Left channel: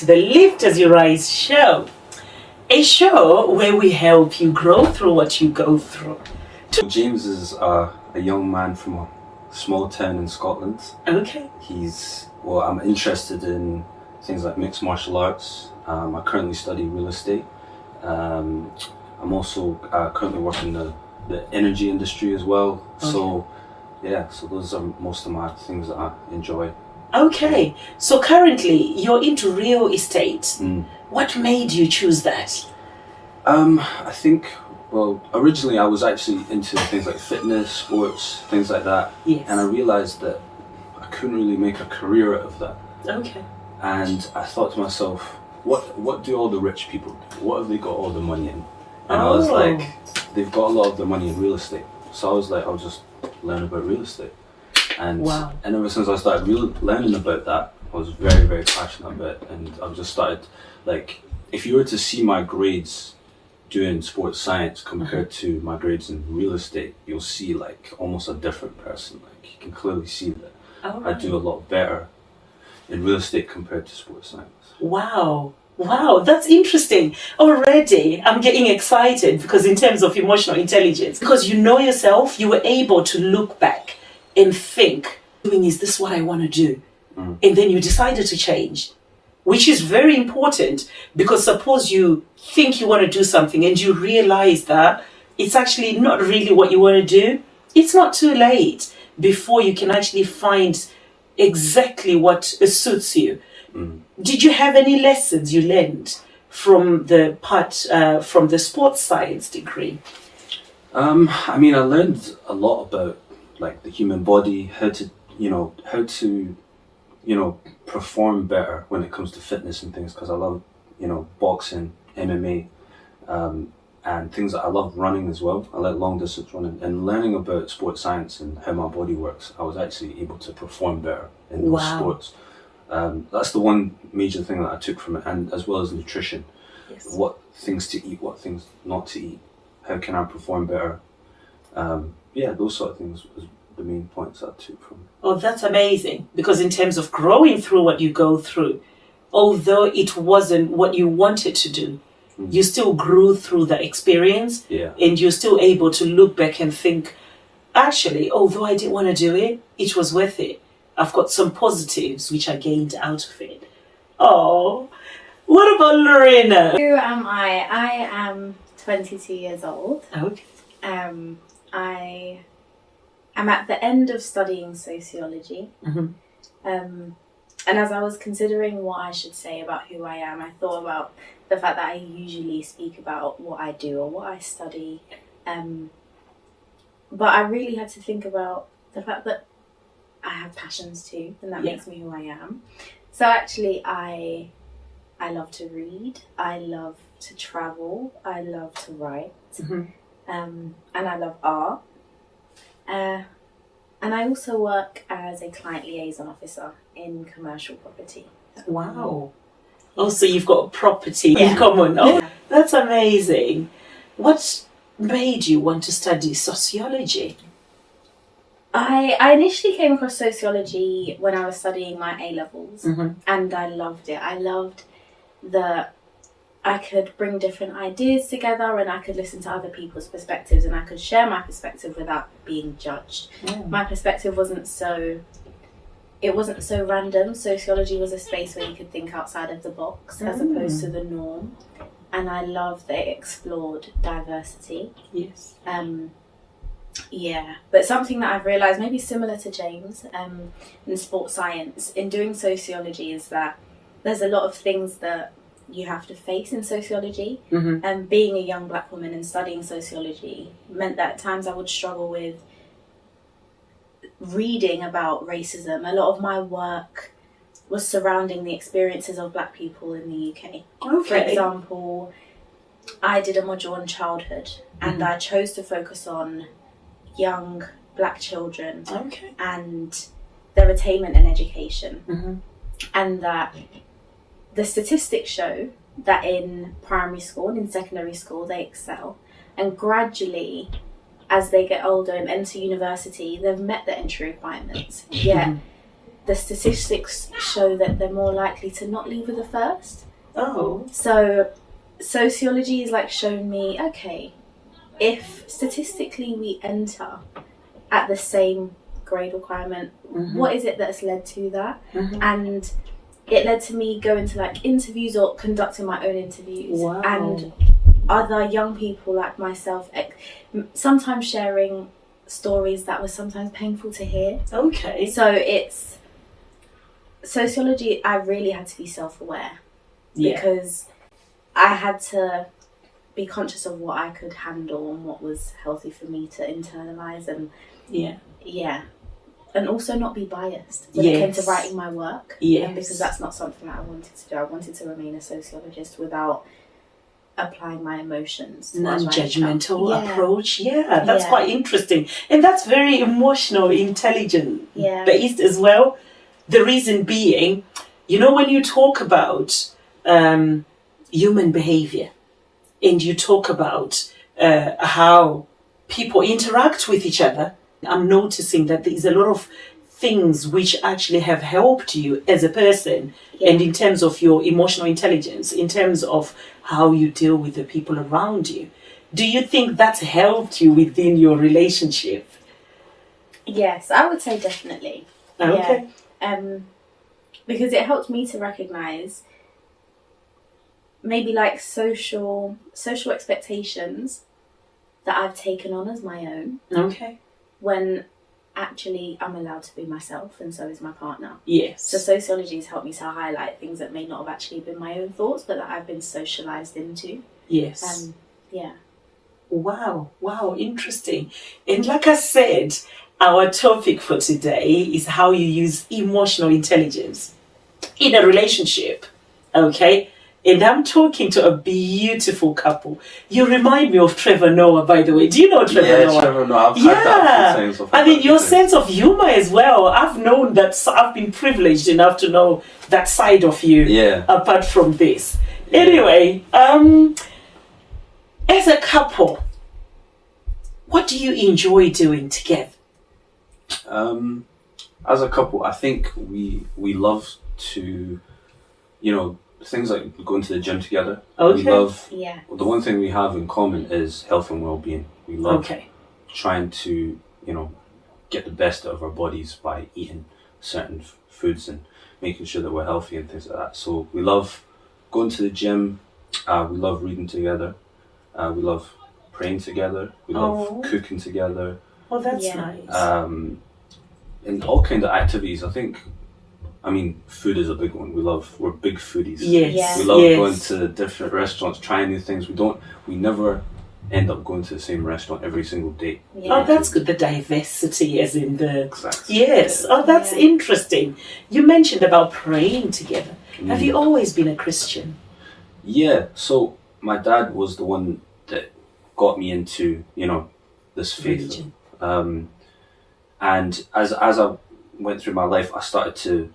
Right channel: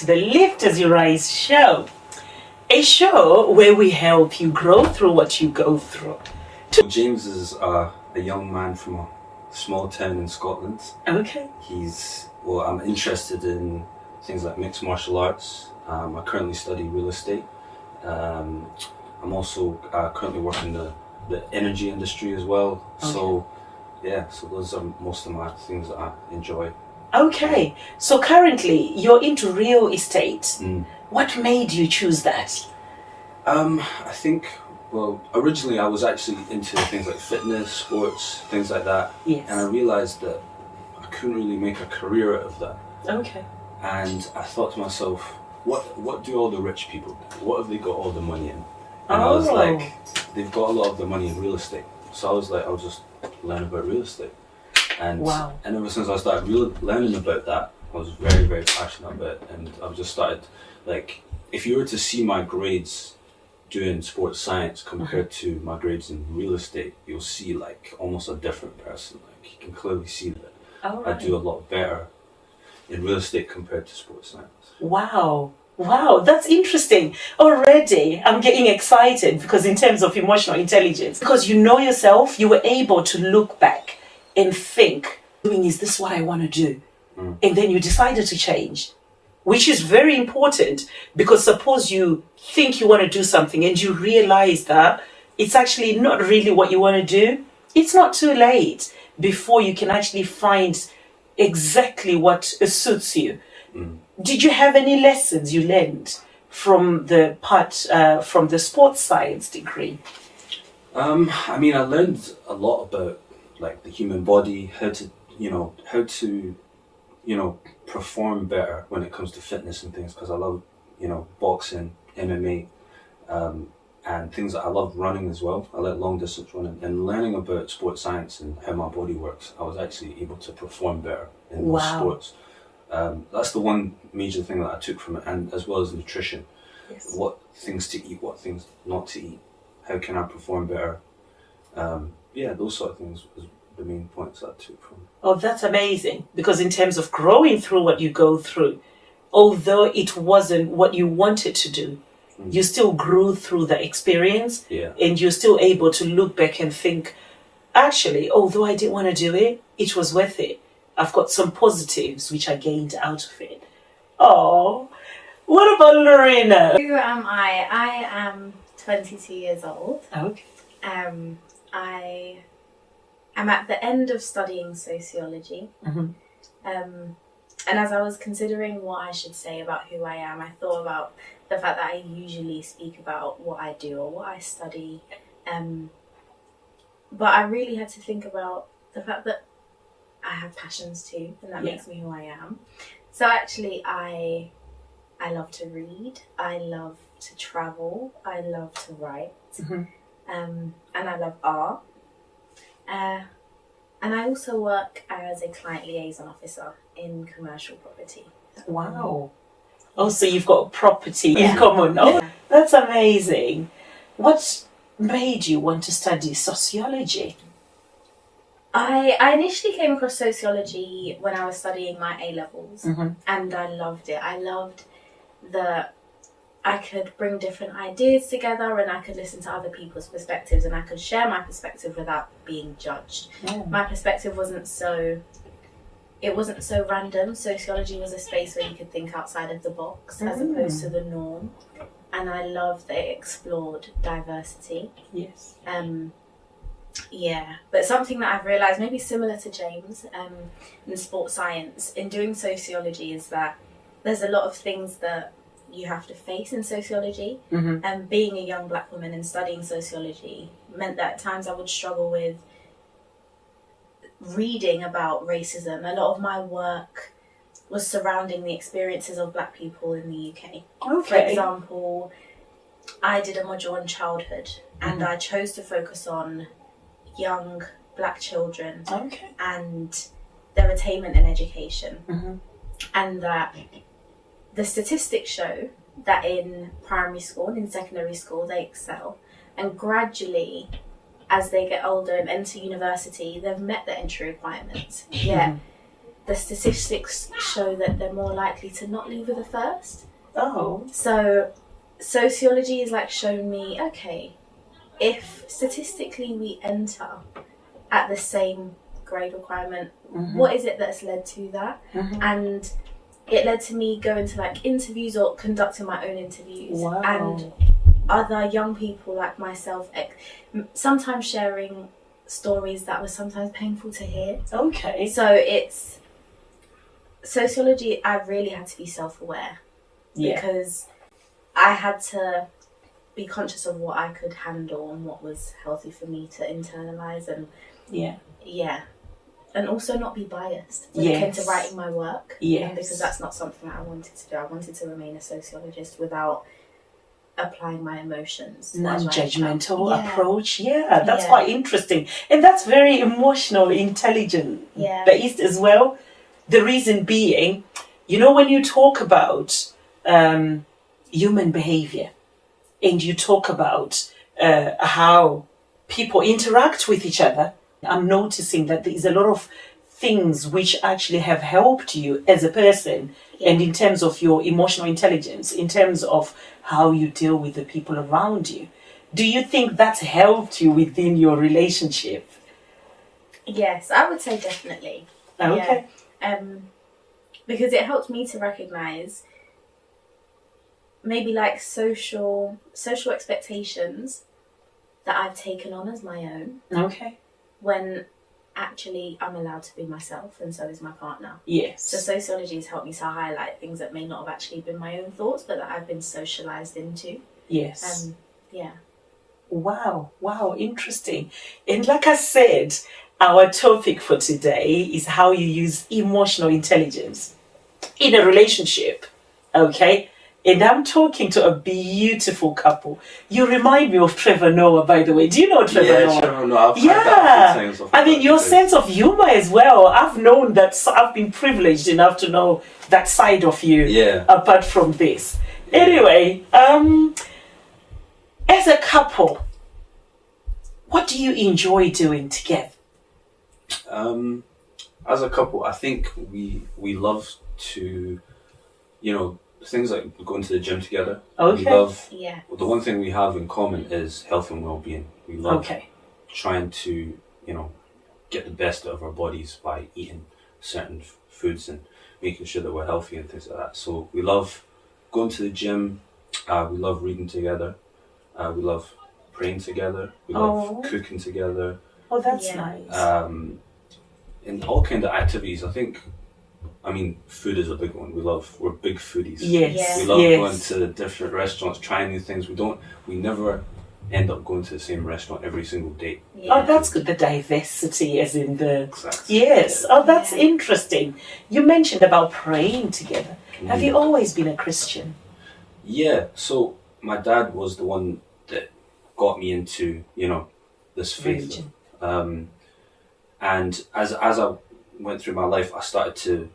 to the Lift as You Rise show, a show where we help you grow through what you go through. James is a young man from a small town in Scotland. Okay. I'm interested in things like mixed martial arts. I currently study real estate. I'm also currently working in the energy industry as well. So those are most of my things that I enjoy. Okay, so currently you're into real estate. What made you choose that? I think, originally I was actually into things like fitness, sports, things like that. Yes. And I realised that I couldn't really make a career out of that. Okay. And I thought to myself, what do all the rich people do? What have they got all the money in? And I was like, they've got a lot of the money in real estate. So I was like, I'll just learn about real estate. And ever since I started learning about that, I was very, very passionate about it. And I've just started, like, if you were to see my grades doing sports science compared to my grades in real estate, you'll see like almost a different person. Like, you can clearly see that I do a lot better in real estate compared to sports science. Wow, that's interesting. Already I'm getting excited because in terms of emotional intelligence, because you know yourself, you were able to look back and think, is this what I want to do? And then you decided to change, which is very important, because suppose you think you want to do something and you realize that it's actually not really what you want to do. It's not too late before you can actually find exactly what suits you. Did you have any lessons you learned from from the sports science degree? I learned a lot about like the human body, how to perform better when it comes to fitness and things, because I love, boxing, MMA, and things that I love running as well. I like long distance running, and learning about sports science and how my body works, I was actually able to perform better in those sports. That's the one major thing that I took from it, and as well as nutrition. Yes. What things to eat, what things not to eat, how can I perform better? Those sort of things was the main points I took from it. Oh, that's amazing, because in terms of growing through what you go through, although it wasn't what you wanted to do, you still grew through the experience, and you're still able to look back and think, actually, although I didn't want to do it, it was worth it. I've got some positives which I gained out of it. Oh, what about Lauryna? Who am I? I am 22 years old. Okay. I'm at the end of studying sociology. And as I was considering what I should say about who I am, I thought about the fact that I usually speak about what I do or what I study. But I really had to think about the fact that I have passions too, and that makes me who I am. So actually, I love to read, I love to travel, I love to write, and I love art. And I also work as a client liaison officer in commercial property. Wow. Oh, so you've got property in common. Oh, that's amazing. What made you want to study sociology? I initially came across sociology when I was studying my A-levels, and I loved it. I loved that I could bring different ideas together, and I could listen to other people's perspectives, and I could share my perspective without being judged. My perspective wasn't so random. Sociology was a space where you could think outside of the box as opposed to the norm, and I loved that it explored diversity. Yes. But something that I've realised, maybe similar to James, in sports science, in doing sociology, is that there's a lot of things that you have to face in sociology. And being a young black woman and studying sociology meant that at times I would struggle with reading about racism. A lot of my work was surrounding the experiences of black people in the UK. Okay. For example, I did a module on childhood, and I chose to focus on young black children and their attainment in education. And that the statistics show that in primary school and in secondary school they excel, and gradually as they get older and enter university they've met the entry requirements, yet the statistics show that they're more likely to not leave with a first. Oh. So sociology is like showing me, okay, if statistically we enter at the same grade requirement, what is it that's led to that? And it led to me going to like interviews or conducting my own interviews. Wow. And other young people like myself sometimes sharing stories that were sometimes painful to hear. Okay. So it's sociology, I really had to be self-aware because I had to be conscious of what I could handle and what was healthy for me to internalize and and also not be biased when it came to writing my work. And because that's not something that I wanted to do. I wanted to remain a sociologist without applying my emotions. Non-judgmental approach. That's quite interesting. And that's very emotional, intelligent based as well. The reason being, when you talk about human behavior and you talk about how people interact with each other, I'm noticing that there's a lot of things which actually have helped you as a person and in terms of your emotional intelligence, in terms of how you deal with the people around you. Do you think that's helped you within your relationship? Yes, I would say definitely. Okay. Because it helped me to recognize maybe like social expectations that I've taken on as my own. Okay. When actually I'm allowed to be myself and so is my partner. Yes. So sociology has helped me to highlight things that may not have actually been my own thoughts but that I've been socialized into. Yes. Wow, interesting. And like I said, our topic for today is how you use emotional intelligence in a relationship. Okay? And I'm talking to a beautiful couple. You remind me of Trevor Noah, by the way. Do you know Trevor Noah? Trevor Noah. I've heard that a few times. I mean, your sense of humor as well. I've known that. I've been privileged enough to know that side of you. Yeah. Apart from this. Anyway, as a couple, what do you enjoy doing together? As a couple, I think we love to, things like going to the gym together. Okay. We love, the one thing we have in common is health and well-being. We love trying to, get the best out of our bodies by eating certain foods and making sure that we're healthy and things like that. So we love going to the gym. We love reading together. We love praying together. We love cooking together. Oh, that's nice. And all kind of activities. Food is a big one. We're big foodies. Yes. We love going to different restaurants, trying new things. We never end up going to the same restaurant every single day. Oh, that's good. The diversity as in the... Exactly. Yes. Oh, that's interesting. You mentioned about praying together. Have you always been a Christian? Yeah. So my dad was the one that got me into, this faith. Religion. And as I went through my life, I started to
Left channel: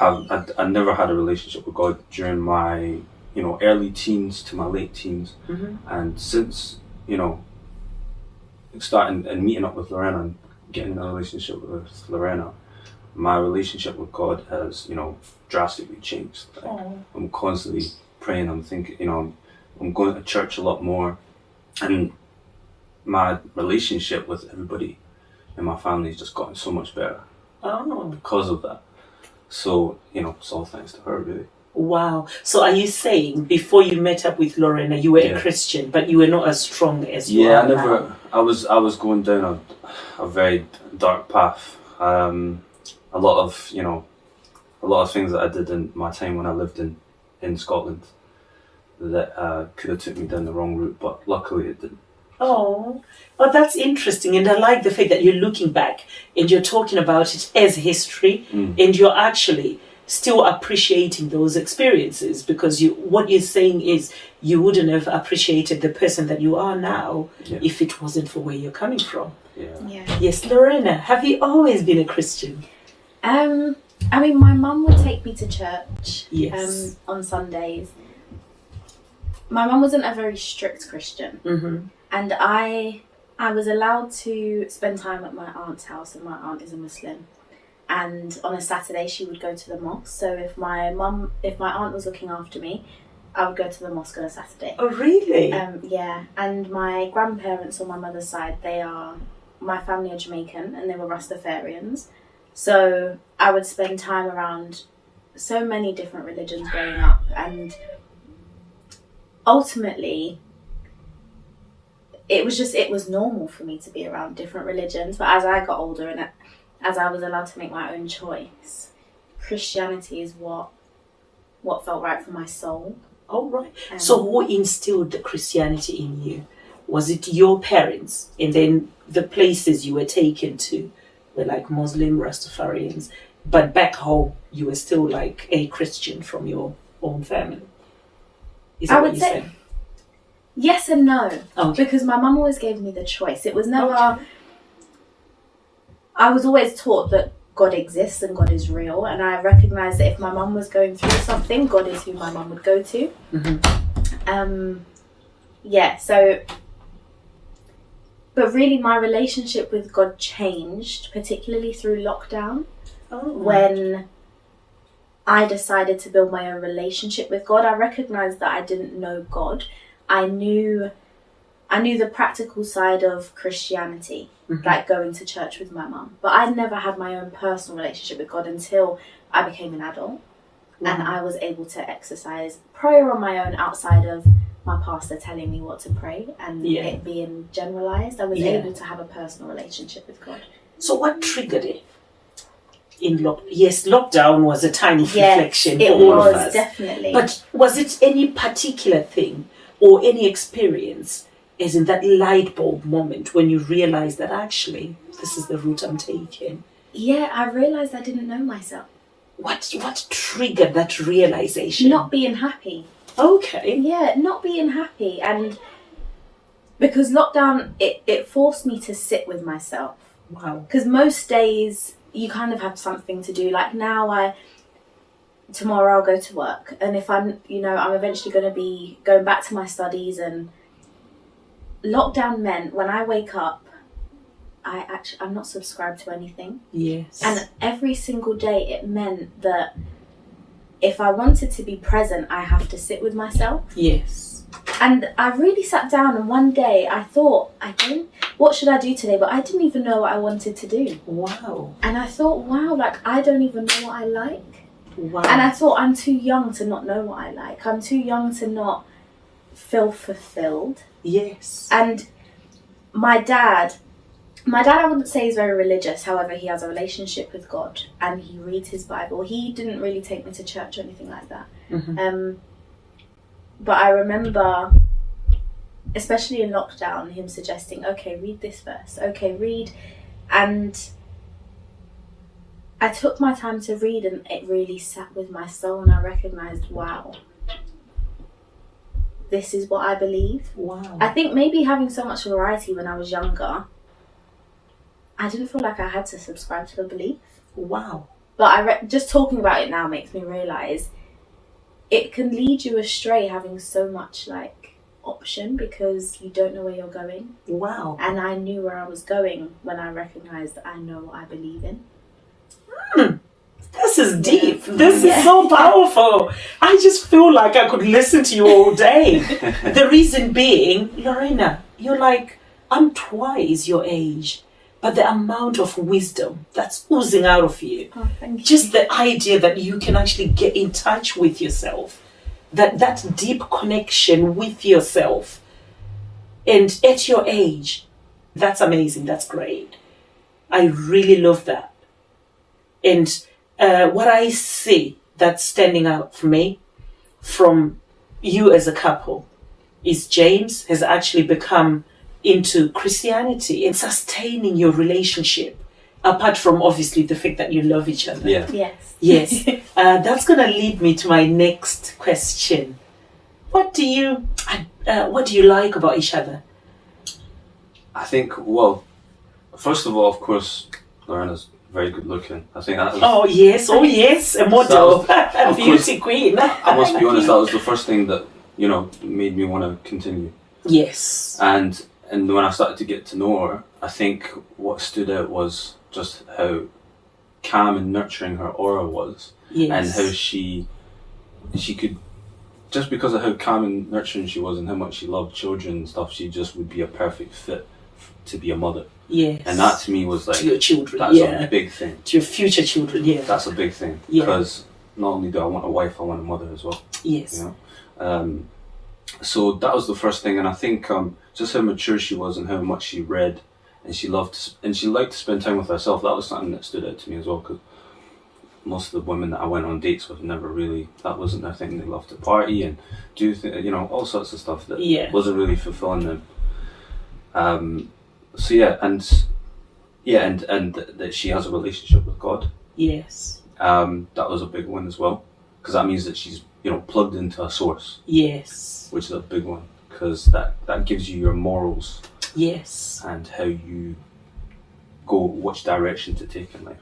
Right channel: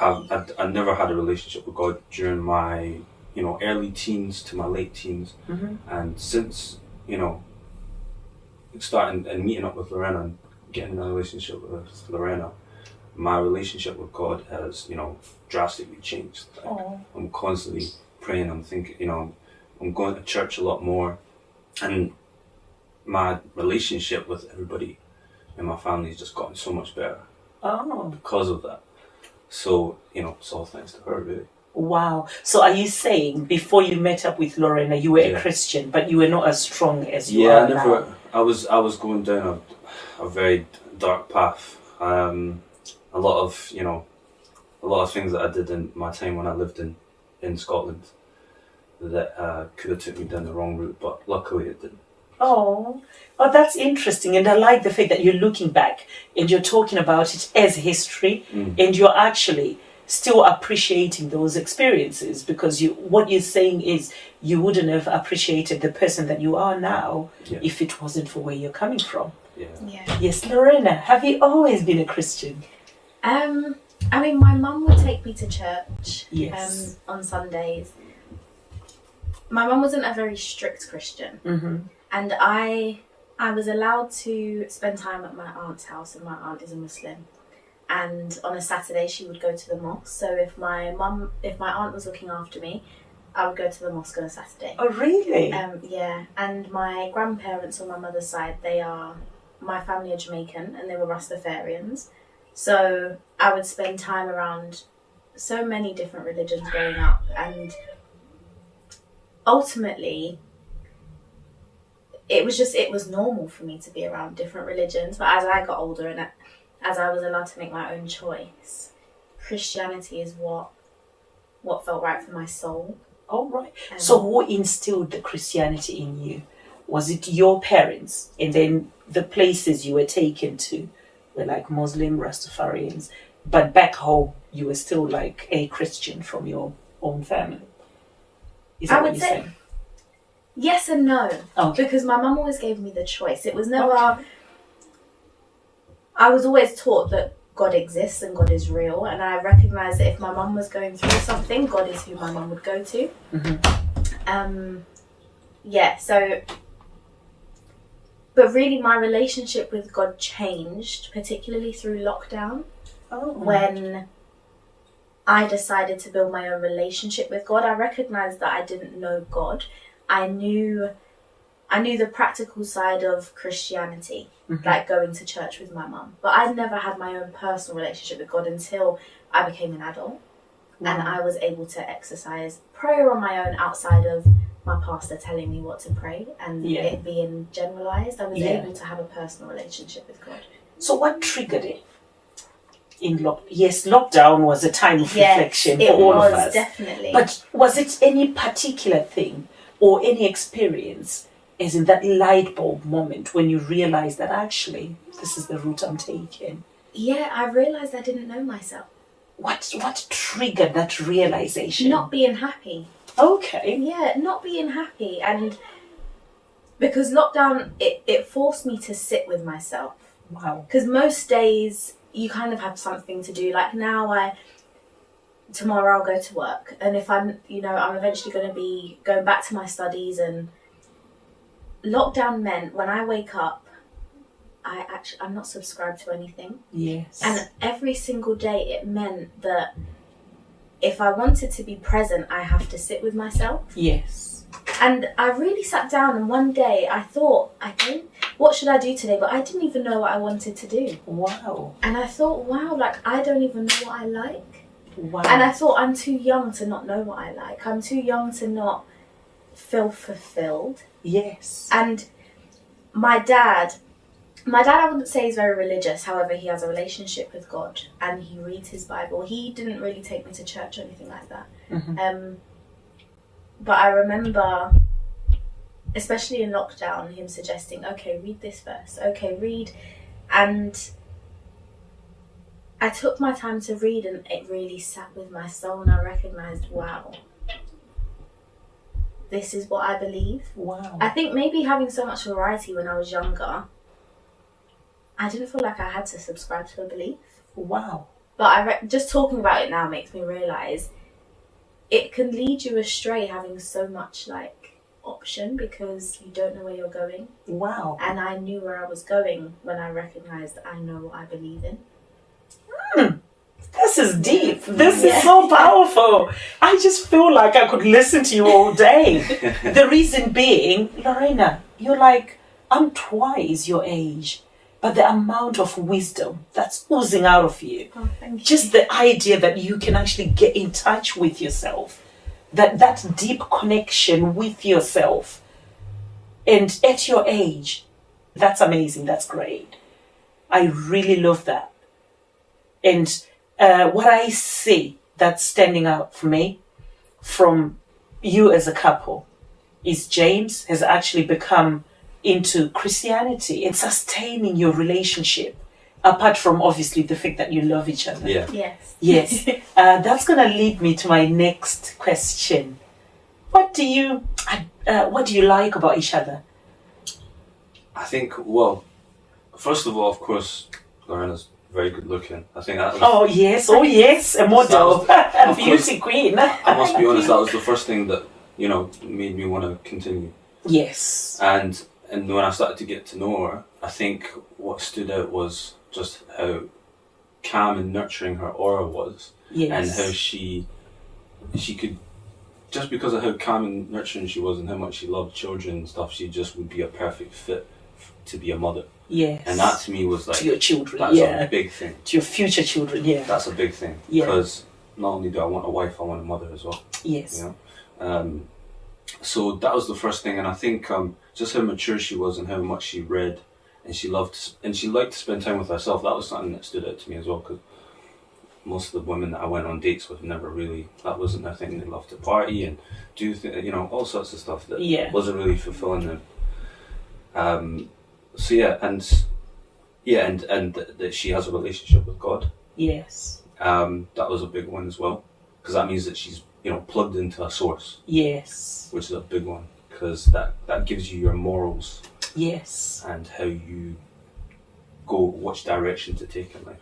I never had a relationship with God during my, early teens to my late teens. And since, starting and meeting up with Lauryna and getting in a relationship with Lauryna, my relationship with God has, drastically changed. I'm constantly praying, I'm thinking, I'm going to church a lot more. And my relationship with everybody in my family has just gotten so much better because of that. So, it's all thanks to her, really. Wow. So are you saying before you met up with Lauryna, you were a Christian, but you were not as strong as you are now? I was going down a very dark path. A lot of things that I did in my time when I lived in Scotland that could have took me down the wrong route, but luckily it didn't. Oh, that's interesting. And I like the fact that you're looking back and you're talking about it as history and you're actually still appreciating those experiences because what you're saying is you wouldn't have appreciated the person that you are now if it wasn't for where you're coming from. Yes, Lauryna, have you always been a Christian? My mum would take me to church on Sundays. My mum wasn't a very strict Christian. And I was allowed to spend time at my aunt's house, and my aunt is a Muslim. and on a Saturday she would go to the mosque. So if my aunt was looking after me, I would go to the mosque on a Saturday. Oh, really? Yeah. And my grandparents on my mother's side, my family are Jamaican and they were Rastafarians. So I would spend time around so many different religions growing up, and ultimately it was normal for me to be around different religions. But as I got older and as I was allowed to make my own choice, Christianity is what felt right for my soul. Oh, right. So who instilled the Christianity in you? Was it your parents? And then the places you were taken to were like Muslim Rastafarians, but back home you were still like a Christian from your own family? Is that I would what you're say saying? yes and no. Okay. Because my mum always gave me the choice. It was never... Okay. I was always taught that God exists and God is real, and I recognised that if my mum was going through something, God is who my mum would go to. Mm-hmm. So... But really my relationship with God changed, particularly through lockdown, when I decided to build my own relationship with God. I recognised that I didn't know God. I knew the practical side of Christianity, like going to church with my mum. But I never had my own personal relationship with God until I became an adult. And I was able to exercise prayer on my own outside of my pastor telling me what to pray and it being generalised. I was able to have a personal relationship with God. So what triggered it? Lockdown was a time of reflection for all of us. Definitely. But was it any particular thing or any experience, as in that light bulb moment when you realised that actually this is the route I'm taking? Yeah, I realised I didn't know myself. What triggered that realisation? Not being happy. Okay. Yeah, not being happy. And because lockdown, it forced me to sit with myself. Wow. Because most days you kind of have something to do. Like now tomorrow I'll go to work. And if I'm eventually going to be going back to my studies, and lockdown meant when I wake up, I'm not subscribed to anything. Yes. And every single day it meant that if I wanted to be present, I have to sit with myself. Yes. And I really sat down, and one day I thought, what should I do today? But I didn't even know what I wanted to do. Wow. And I thought, I don't even know what I like. Wow. And I thought, I'm too young to not know what I like. I'm too young to not feel fulfilled. Yes. And my dad, I wouldn't say he's very religious. However, he has a relationship with God and he reads his Bible. He didn't really take me to church or anything like that. Mm-hmm. But I remember, especially in lockdown, him suggesting, okay, read this verse. Okay, read. And I took my time to read, and it really sat with my soul, and I recognised, wow, this is what I believe. Wow. I think maybe having so much variety when I was younger, I didn't feel like I had to subscribe to a belief. Wow. But just talking about it now makes me realise it can lead you astray having so much option, because you don't know where you're going. Wow. And I knew where I was going when I recognised I know what I believe in. This is deep. This is so powerful. I just feel like I could listen to you all day. The reason being, Lauryna, you're I'm twice your age. But the amount of wisdom that's oozing out of you, just the idea that you can actually get in touch with yourself, that deep connection with yourself, and at your age, that's amazing. That's great. I really love that. And what I see that's standing out for me from you as a couple is James has actually become into Christianity and sustaining your relationship, apart from obviously the fact that you love each other. Yeah. Yes. That's gonna lead me to my next question. What do you like about each other? I think, first of all, of course, Lauryna's very good looking. I think that was, Oh yes, a model, a beauty queen. I must be honest, that was the first thing that made me want to continue. Yes. And when I started to get to know her, I think what stood out was just how calm and nurturing her aura was, and how she could, just because of how calm and nurturing she was and how much she loved children and stuff, she just would be a perfect fit to be a mother. Yes. And that to me was like, to your children, that's a big thing. To your future children, That's a big thing. Because not only do I want a wife, I want a mother as well. Yes. You know? So that was the first thing, and I think just how mature she was and how much she read, and she liked to spend time with herself. That was something that stood out to me as well, because most of the women that I went on dates with never really, that wasn't their thing. They loved to party and do things, you know, all sorts of stuff that wasn't really fulfilling them. And that she has a relationship with God. Yes. That was a big one as well, because that means that she's, you know, plugged into a source. Yes. Which is a big one, because that gives you your morals. Yes. And how you go, which direction to take in life.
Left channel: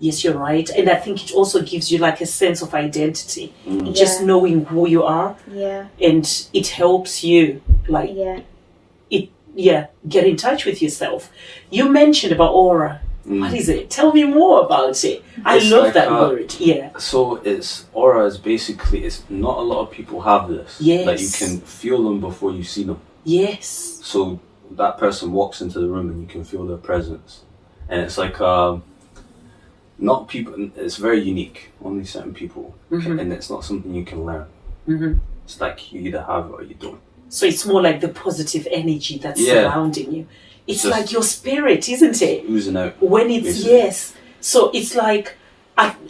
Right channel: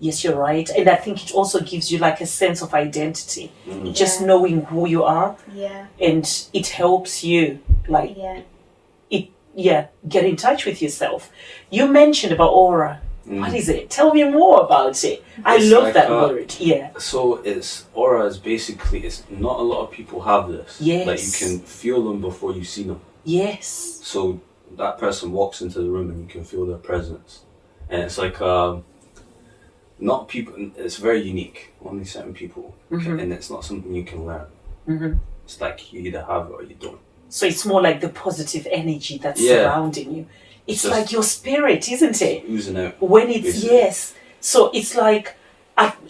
Yes, you're right. And I think it also gives you like a sense of identity. Just knowing who you are. Yeah. And it helps you like get in touch with yourself. You mentioned about aura. What is it? Tell me more about it. I love like that word. Yeah. So aura is basically, it's not a lot of people have this. Yes. Like you can feel them before you see them. Yes. So that person walks into the room and you can feel their presence. And it's like, not people, it's very unique. Only certain people. And it's not something you can learn. It's like you either have it or you don't. So it's more like the positive energy that's surrounding you. It's like your spirit, isn't it? Oozing out. When it's, basically. So it's like,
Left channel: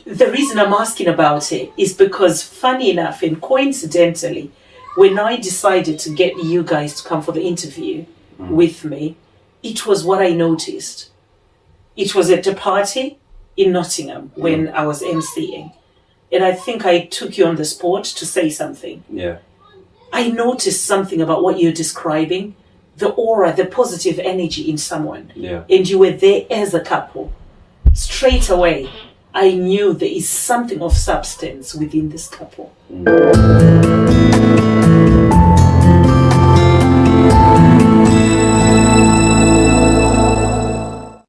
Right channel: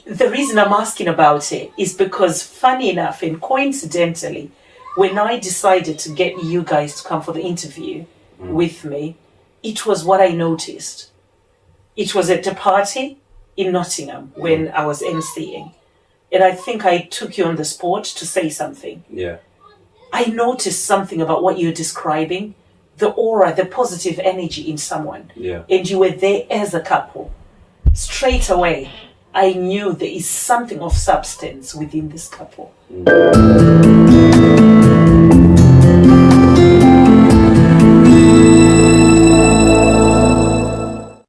the reason I'm asking about it is because, funny enough and coincidentally, when I decided to get you guys to come for the interview with me, it was what I noticed. It was at a party in Nottingham when I was emceeing. And I think I took you on the spot to say something. Yeah. I noticed something about what you're describing. The aura, the positive energy in someone. Yeah. And you were there as a couple. Straight away, I knew there is something of substance within this couple.